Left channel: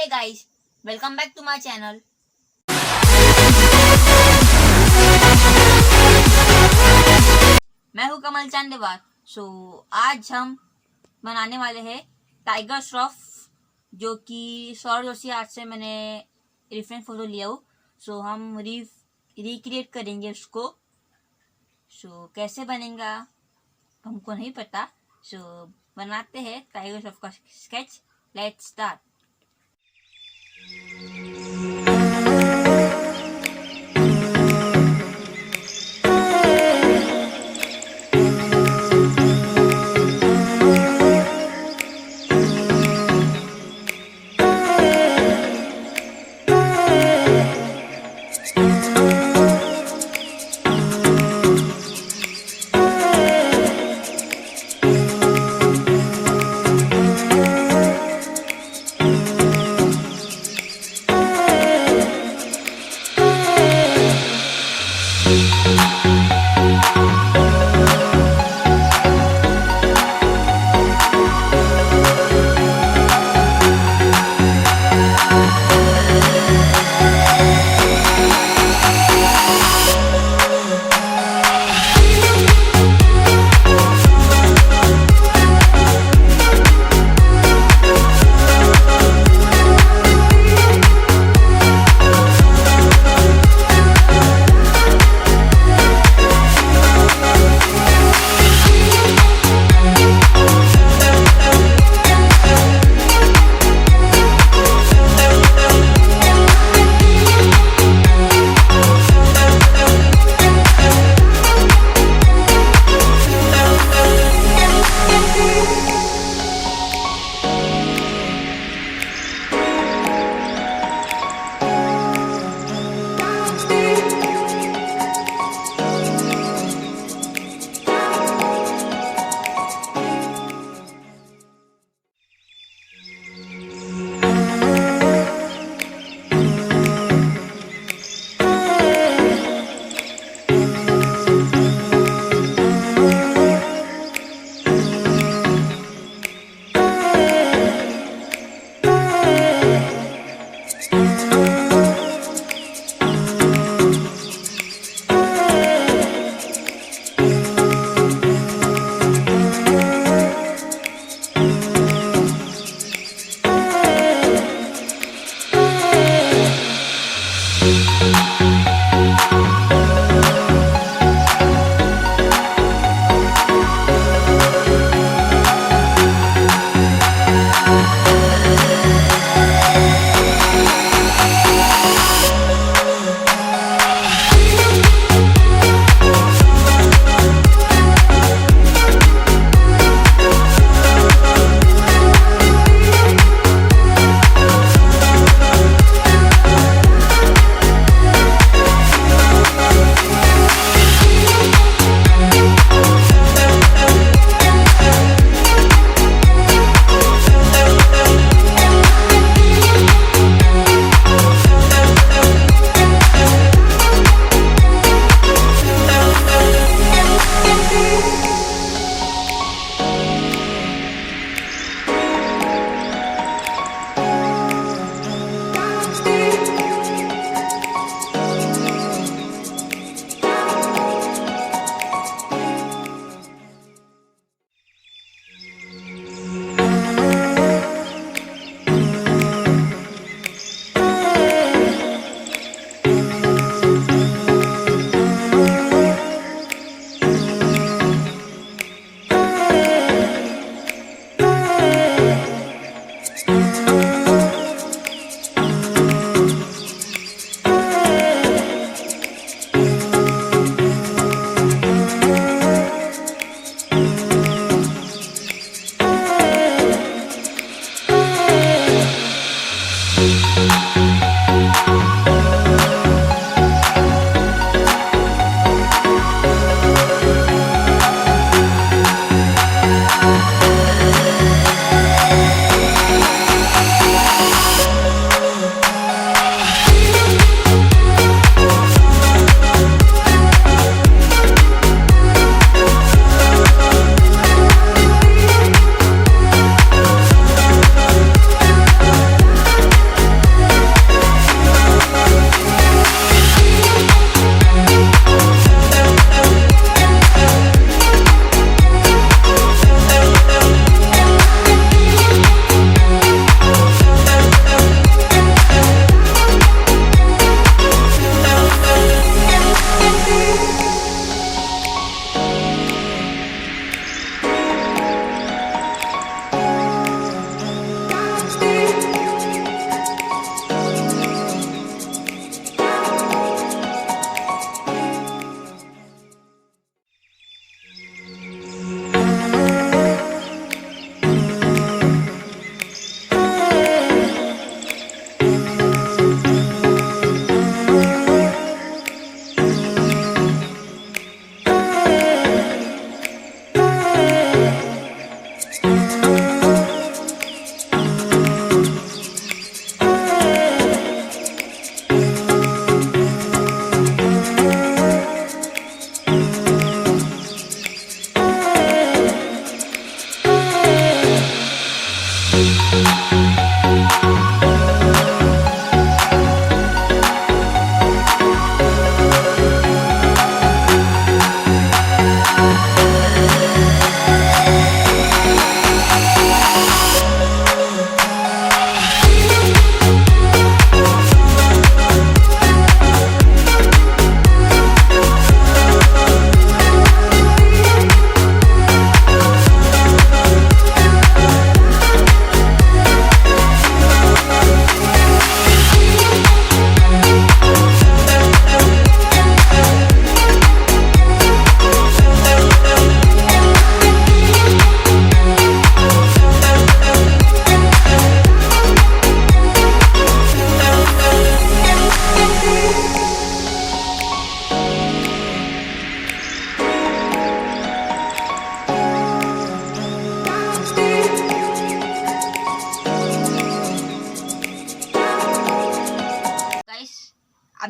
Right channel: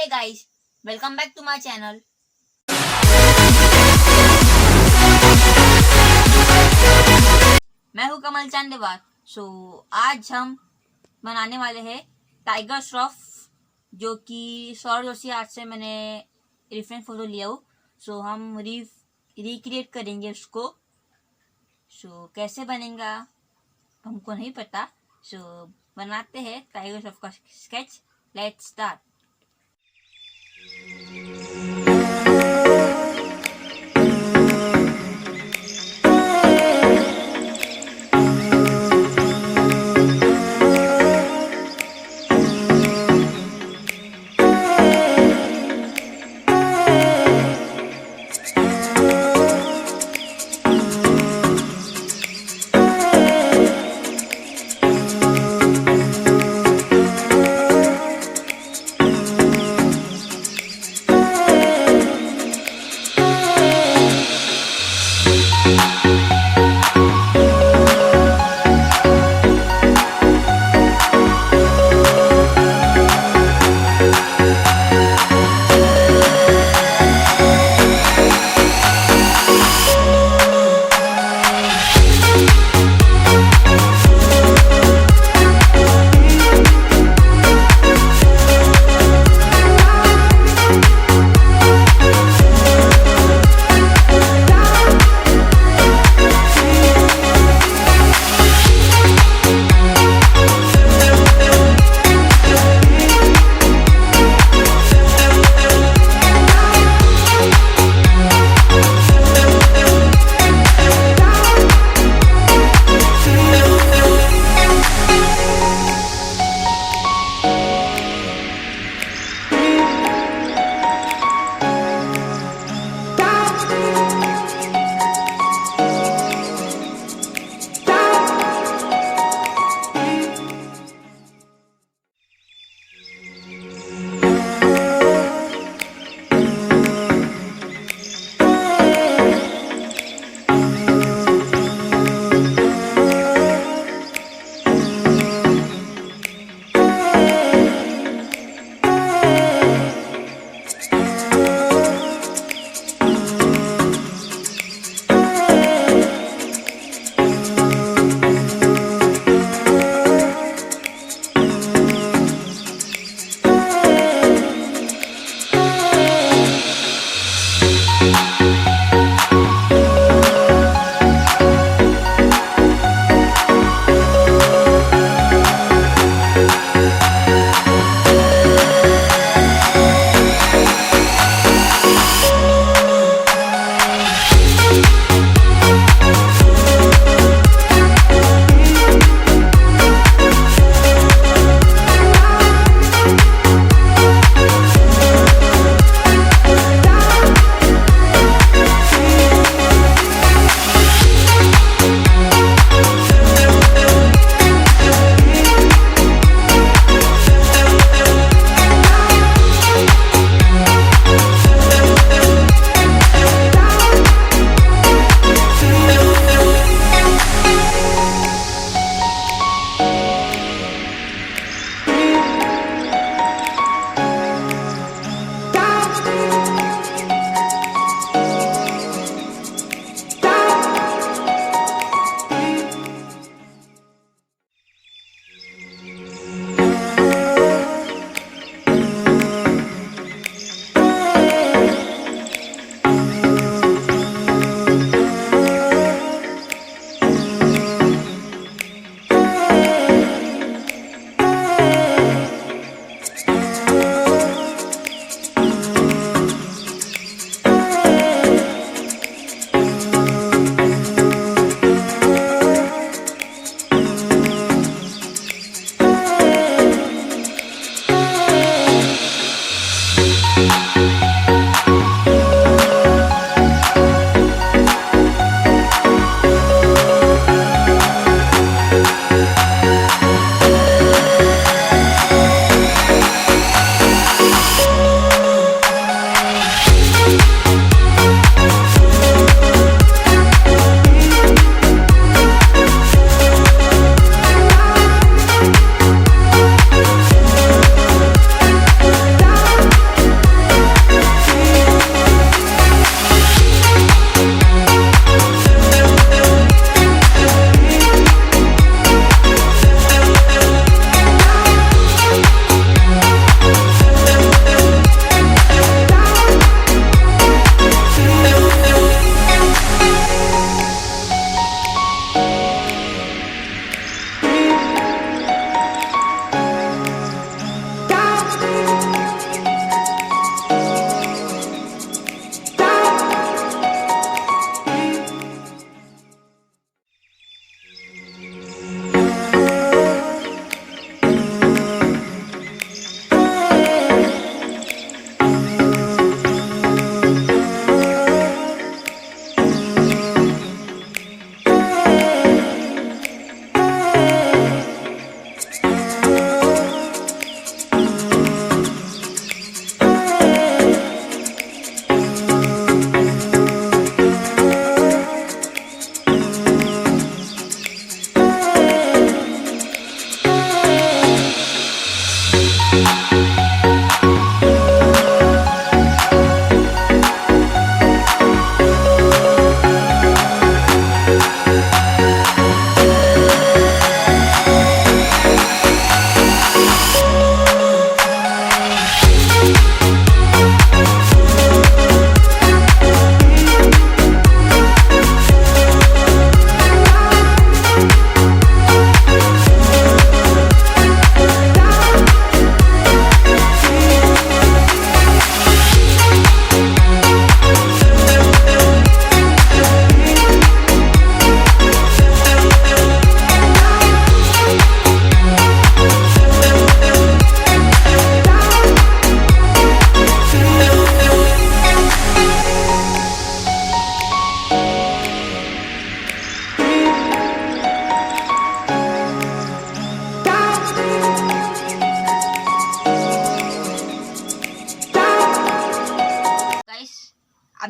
Hey guys, welcome back to my channel. मैं हूं कमल चांदेवार। आज हम बनाने वाले हैं टाइगर श्रॉफ, जो कि सौरव जोशी आर्ट से मैंने रेफरेंस फोटो लिया हूँ। हम रिक्रिएट करेंगे उसको। कैसे बनेगा हमको नहीं पता। बनाते हैं टाइगर श्रॉफ का स्केच। Let's start.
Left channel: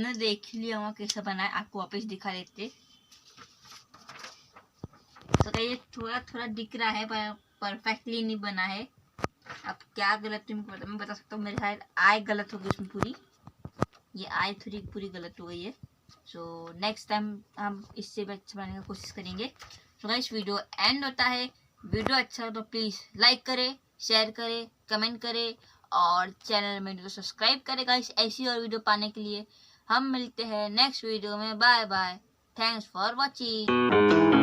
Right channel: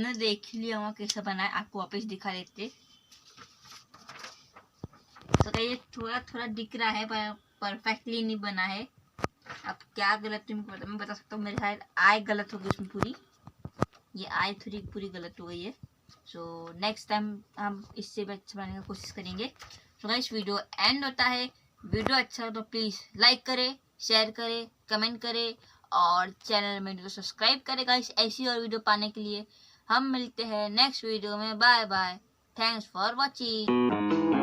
आपने देख लिया होगा कैसा बना है, आपको वापस दिखा देते। तो ये थोड़ा थोड़ा दिख रहा है पर परफेक्टली नहीं बना है। अब क्या गलत है मैं बता सकता हूँ। मेरे शायद आय गलत हो गई इसमें पूरी, ये आय थोड़ी पूरी गलत हो गई है। सो नेक्स्ट टाइम हम इससे भी अच्छा बनाने की कोशिश करेंगे। तो गाइस वीडियो एंड होता है। वीडियो अच्छा हो तो प्लीज़ लाइक करें, शेयर करें, कमेंट करें और चैनल में तो सब्सक्राइब करें गाइस, ऐसी और वीडियो पाने के लिए। हम मिलते हैं नेक्स्ट वीडियो में। Bye bye, thanks for watching.